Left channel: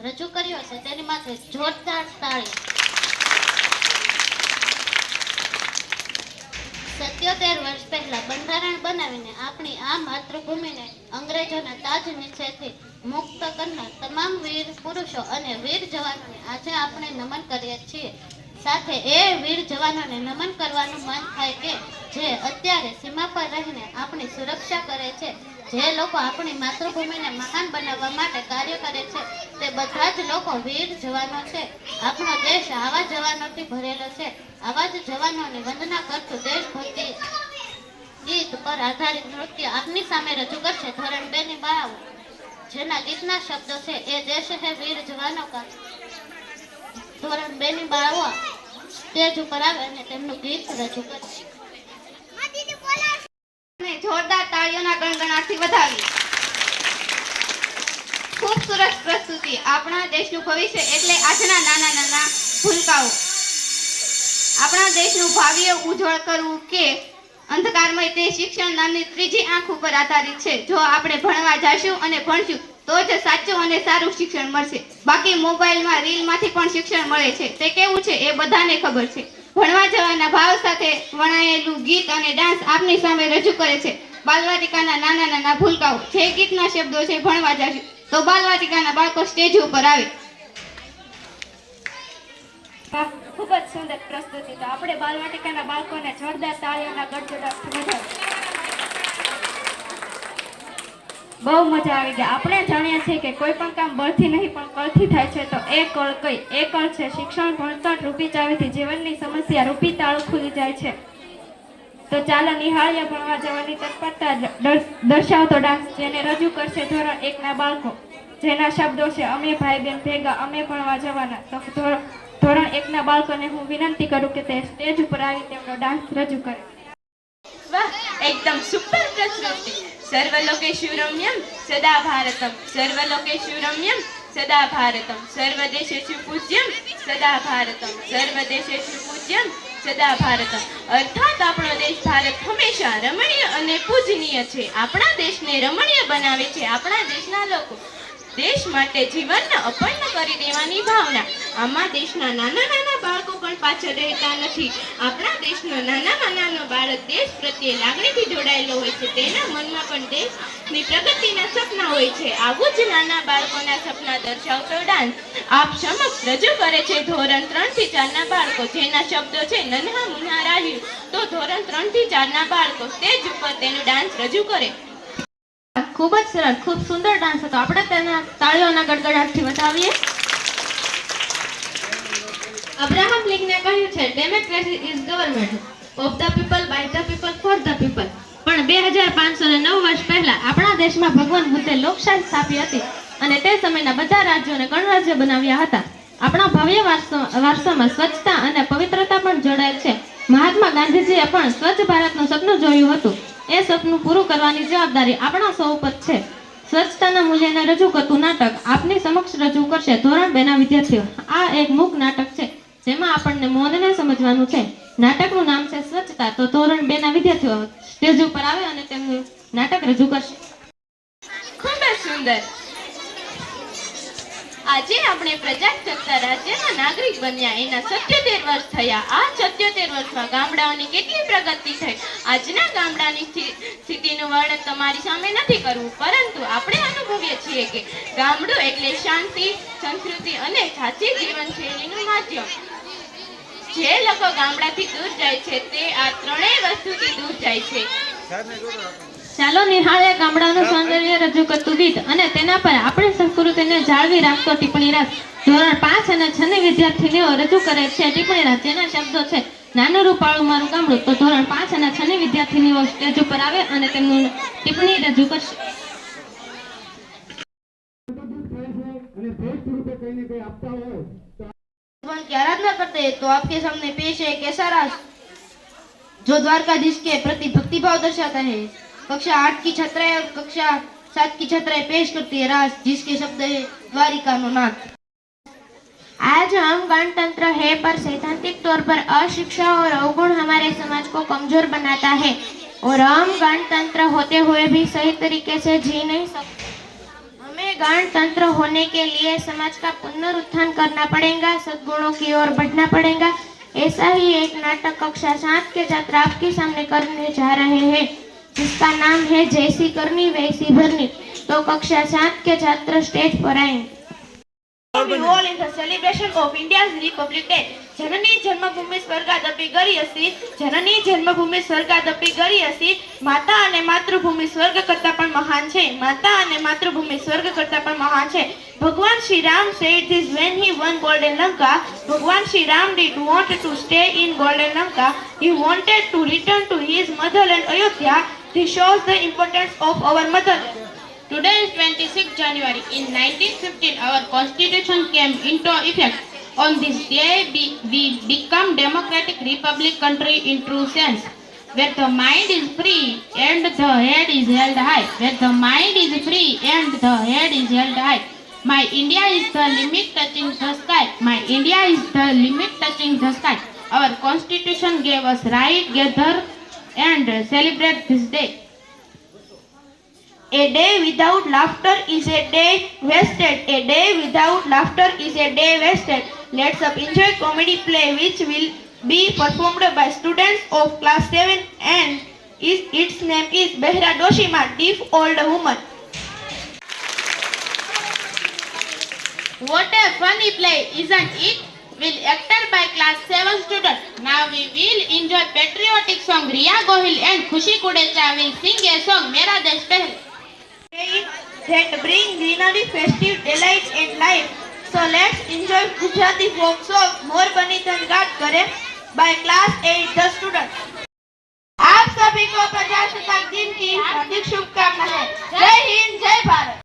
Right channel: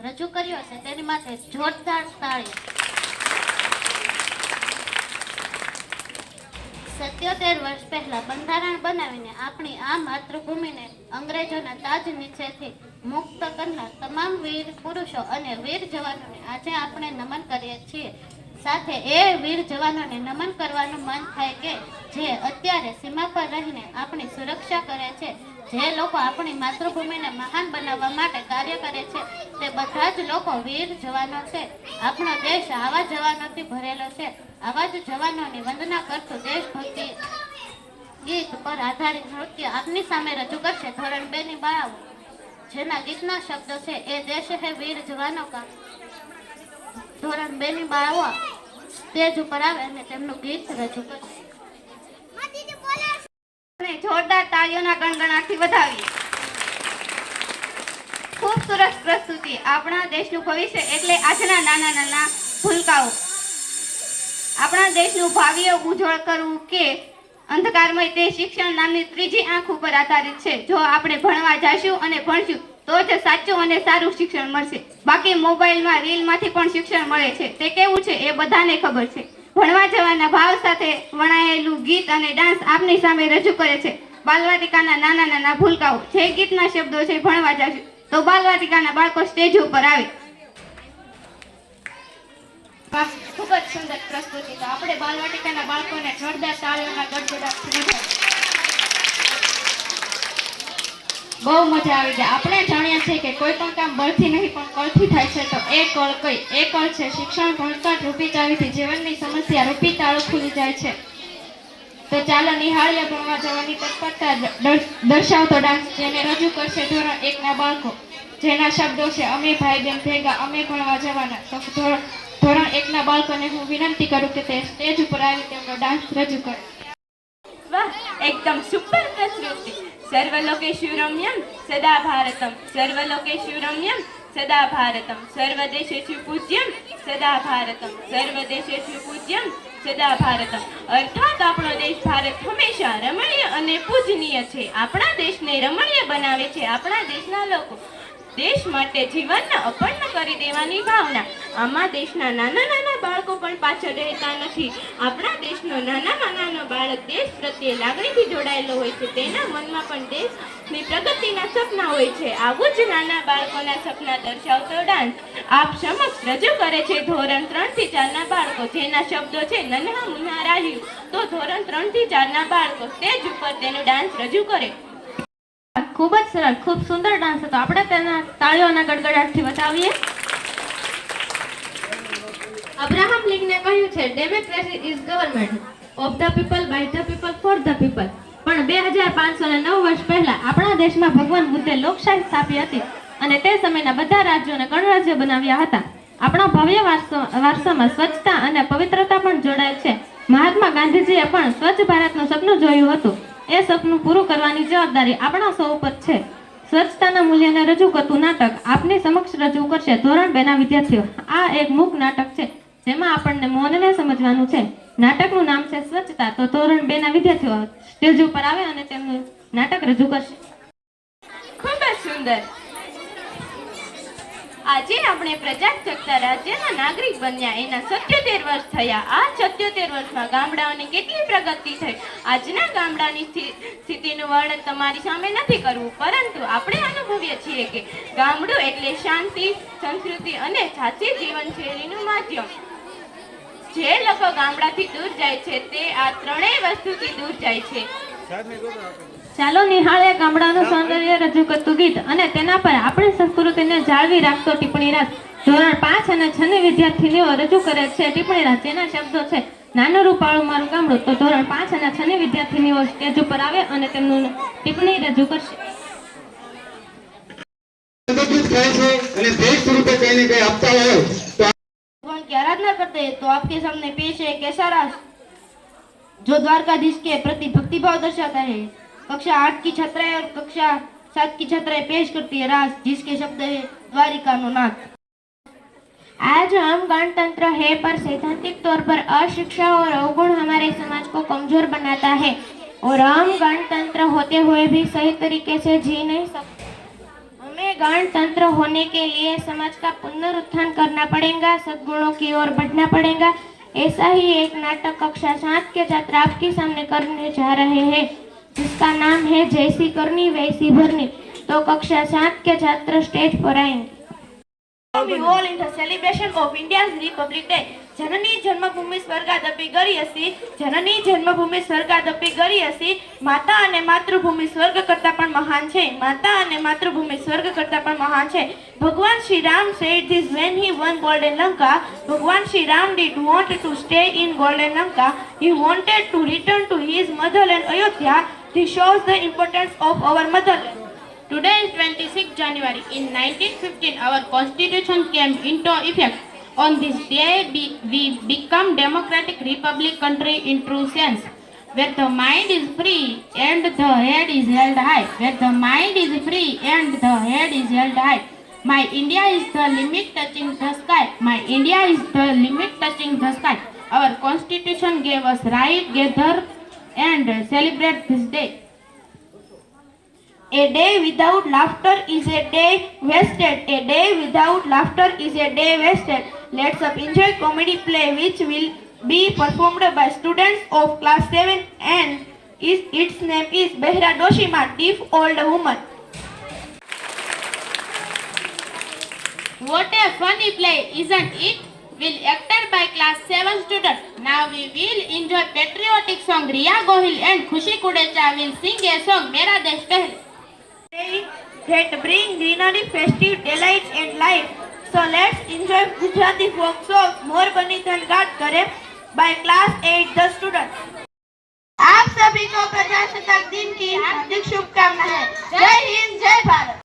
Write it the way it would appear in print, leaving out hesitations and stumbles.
રજૂ કર્યો છે તેની માટે જોરદાર તાળી. 77 વર્ષ પહેલા બંધારણ બનાવીને આપણી આ માતૃભૂમિને અંગ્રેજોના તાજ નીચેથી મુક્ત કરનાર તમામ વીર પુરુષો અને વીર જવાનોને આજે આપણે નમન કરીએ છીએ. સાથે એ વીર જવાનોને નમન કરવાનું મન થાય કે જે અત્યારે સીમા પર રહીને આપણી સુરક્ષા કરે છે. જે લોકો આપણી માતૃભૂમિને મહાન બનાવવા માટે કાર્ય કરે છે તે બધા જ લોકો વીર જવાનો છે. આપણો દેશ આવા જવાનોથી ભરેલો છે. આવા જ જવાનોની વંદના કરતું દેશભક્તિ ગીત પર આધારિત નૃત્ય આપની સામે રજૂ કરશે ધોરણ 2 ની બાળાઓ. જેના ગીતના શબ્દો છે એ દેશ હે વીર જવાનો કા. ધોરણ 2 ની બાળાઓ સ્ટેજ ઉપર આવે અને તેમનું ગીત રજૂ કરશે. જોરદાર તાળીઓના ગણગણાટથી વધાવી. ખૂબ સરસ પ્રસ્તુતિ. આપણા દેશનું ભવિષ્ય એટલે આજના નાના નાના ભૂલકાઓ. આપણા દેશનું ભાવિ ઉજ્જવળ કરવું કે અંધકારમય તે શિક્ષણ નામની ત્રીજી આંખ ઉપર આધારિત છે. જો આપણે ભણવા જઈશું અને ભણશું તો જ સાચું અને સારું શિક્ષણ મળશે. બાકી મોબાઈલમાં રીલમાંથી પણ શિક્ષણ મળે છે. તે કેવું છે એ બધાને ખબર છે. ભણવા જવાના ભાવ સાથે વણાયેલું ગીત અને ડાન્સ આપની સામે રજૂ કરે છે બાલવાટિકાના નાના નાના ભૂલકાઓ. જે ગીતના શબ્દો છે ભણવા જઈશું તો બાલવાટિકાના બાળકો સ્ટેજ ઉપર આવે. ખૂબ જ સુંદર પ્રસ્તુતિ. તો આપણે બાલવાટિકાના બાળકોને જોરદાર તાળીઓના ગડગડાટથી વધાવીએ. બહુ મજા આવી જાય. આપણે જાણીએ છીએ કે કોઈ પણ કામ બળથી નહીં પણ કળથી થાય છે. તો એ કળ કઈ? એ કળ છે શિક્ષણ. ભણતર રૂપી ચાવીથી જીવનની સમસ્યા રૂપી તાળું ખુલી જાય છે. તો ચાલો નિહાળીએ ભણવા જવાની તત્પરતા દર્શાવતો ડાન્સ, જેને રજૂ કરશે ધોરણ 1 ના બાળકો. જેના શબ્દો છે અમે ભાઈ બહેન ભેગા અમે ભણવા જવાના. તો ધોરણ 1 ના બાળકોને હું વિનંતી કરું કે તે સ્ટેજ ઉપર આવી તેમનો ડાન્સ રજૂ કરે. વાહ, એકદમ સુપર પ્રસ્તુતિ. સર્વલોકેષુ રમ્યમ સદા ભારતમ, સર્વલોકેષુ રમ્યમ સદા ભારતમ, સર્વદેશેષુ પૂજ્યમ સદા ભારતમ, સર્વદેશેષુ પૂજ્યમ સદા ભારતમ. અર્થાત આપણો દેશ ભારત હંમેશા રમણીય અને પૂજનીય છે. આપણા દેશને રમણીય બનાવે છે આપણા દેશના લોકો. દેશ માટે જીવનને અર્પણ કરી દેવાની ભાવના. આમાં દેશના નાના નાના બાળકો પણ પાછળ રહેતા નથી. આપણા દેશનો નાનામાં નાનો બાળક દેશ પ્રત્યે લાગણીથી જોડાયેલો હોય છે. તેના મનમાં પણ દેશની પ્રગતિના સપના હોય છે. આવું જ નાના બાળકોના સપના દર્શાવતો ડાન્સ આપ સમક્ષ રજૂ કરે છે ધોરણ 3 થી 4 ના બાળકો. જેના શબ્દો છે નન્હા મુન્ના રાહ્યું. તો ધોરણ 3 થી 4 ના બાળકો સ્ટેજ ઉપર તેનો ડાન્સ રજૂ કરે. ખૂબ જ સરસ, ખૂબ સુંદર ડાન્સ હતો. આપણે તેના તાળીઓના ગડગડાટથી વધાવીએ. અબ્રાહમ લિંકને કહ્યું છે democracy is government of the people by the people for the people. પણ 2509 વર્ષ પહેલા આપણા દેશમાં ભગવાન બુદ્ધે લોકશાહી સ્થાપી હતી અને તે સમયના બધા રાજ્યોને ગણરાજ્ય બનાવ્યા હતા. આપણા ભવ્ય વારસામાં સ્વચ્છતા અને પવિત્રતા પણ જોડાયેલ છે. મહાત્મા ગાંધીજીએ પણ સ્વચ્છ ભારતનું સપનું જોયું હતું. એ સપનું પૂરું કરવાની જવાબદારી આપણા સૌ ઉપર છે. સ્વચ્છતાના મૂલ્યને રજૂ કરતું નાટક આપની સમક્ષ રજૂ કરશે ધોરણ 2 ના વિદ્યાર્થીઓ. આ એક મૂક નાટક છે જેમાં આપણને મૌનને સમજવાનું છે. નાટકનું નામ છે સ્વચ્છતા. તો ધોરણ 2 ના વિદ્યાર્થીઓ સ્ટેજ ઉપર આવે અને તેમનું નાટક રજૂ કરશે. ખૂબ જ સુંદર. આજે આપણે પ્રજાસત્તાક રાજ્યના નાગરિક બન્યા એના 77 વર્ષ થયા. આ 77 વર્ષમાં ગામડાઓની કેટલી પ્રગતિ થઈ. આજના ગામડાની સ્થિતિનું વર્ણન તમારી સામે નથી કરવું, પરંતુ આપણે અનુભવીએ છીએ કે ગામડું એટલે શાંતિ, સંસ્કૃતિ અને સાચી જીવનશૈલીનું માધ્યમ. જે લોકો ગામડાથી દૂર જાય છે તે આ ત્રણેય વસ્તુથી દૂર જાય છે. ચાલો નિહાળે ગામડાનું સૌંદર્ય રજૂ કરતું ગીત અને તેના પર આપણી સંસ્કૃતિને જાળવી રાખતો ટિપ્પણી રાસ. ધોરણ 5 અને 6 ની વિદ્યાર્થીનીઓ રજૂ કરે છે ટિપ્પણી રાસ, જેના શબ્દો છે નાનું રૂપાળું મારું ગામડું. તો ધોરણ 5 અને 6 ની વિદ્યાર્થીનીઓ સ્ટેજ ઉપર આવે અને તેમનું ટિપ્પણી રજૂ કરશે. की आराधना करते हैं तो आपके सामने पेश है एक ऐसा रास जो द्वारकाधीश के प्रति भक्तिभाव दर्शाता है। कक्षा 8 की छात्राएं और कक्षा 7 की छात्राएं पेश करती है रास जिसके शब्द है द्वारिका नो नाथ। आज हम गणतंत्र है पर सैद्धांतिक तौर पर अशिक्षा और अवगुण हमारे समाज को कमजोर बनाता है और हम गणतंत्र होते हुए भी सही तरीके से जी नहीं सकते। हमें गणतंत्र होने के लिए समाज का पुनरुत्थान करना पड़ेगा, सद्गुणों की ओर बढ़ना पड़ेगा। ऐसा ही एक नाटक कक्षा 7 के छात्र आपके सामने करने जा रहे हैं, जिसका नाम है जैसी करनी वैसी भरनी। तो कक्षा 7 के छात्र स्टेज पर आएंगे। We all in the celebration of India's Republic Day. जननी जन्मभूमि स्वर्गादपि गरीयसी, जननी जन्मभूमि स्वर्गादपि गरीयसी. માતા અને માતૃભૂમિ સ્વર્ગ કરતા પણ મહાન છે, માતા અને માતૃભૂમિ સ્વર્ગ કરતા પણ મહાન છે. ભગવાન Shri Ram said this when he won golden Lanka. ભગવાન Shri Ram did want to stay in golden Lanka. He wanted to return to his motherland Ayodhya. This shows the importance of our motherland. Today is 26 January. In 1915, our constitution came into effect. On this day, we become democratic republic country in true sense, where the mind is free and the head is held high. Where the mind is free and the head is held high. My India is the limit touching the sky. My India is the limit touching the sky. Our constitution gave us right, gather and celebrate this day. A day without laughter is a day wasted. A day without laughter is a day wasted. Let's up enjoy comedy play which will be performed by students of class 7 and its name is Behra Doshima, Deaf Old Woman. What a funny play, isn't it? Will acted by class 7 students. Now we will enjoy patriotic song. Riya Gohil and Khushi Kudecha will sing a song, Mera Desh Pehle. That bring greenery, festive delights and life. So let's enjoy Gujarati folk song Mor Bani Dhan Gaat Kare by class 8 the students. आप सभी को प्रजासत्ताक दिन की हार्दिक शुभकामनाएं। जय हिंद।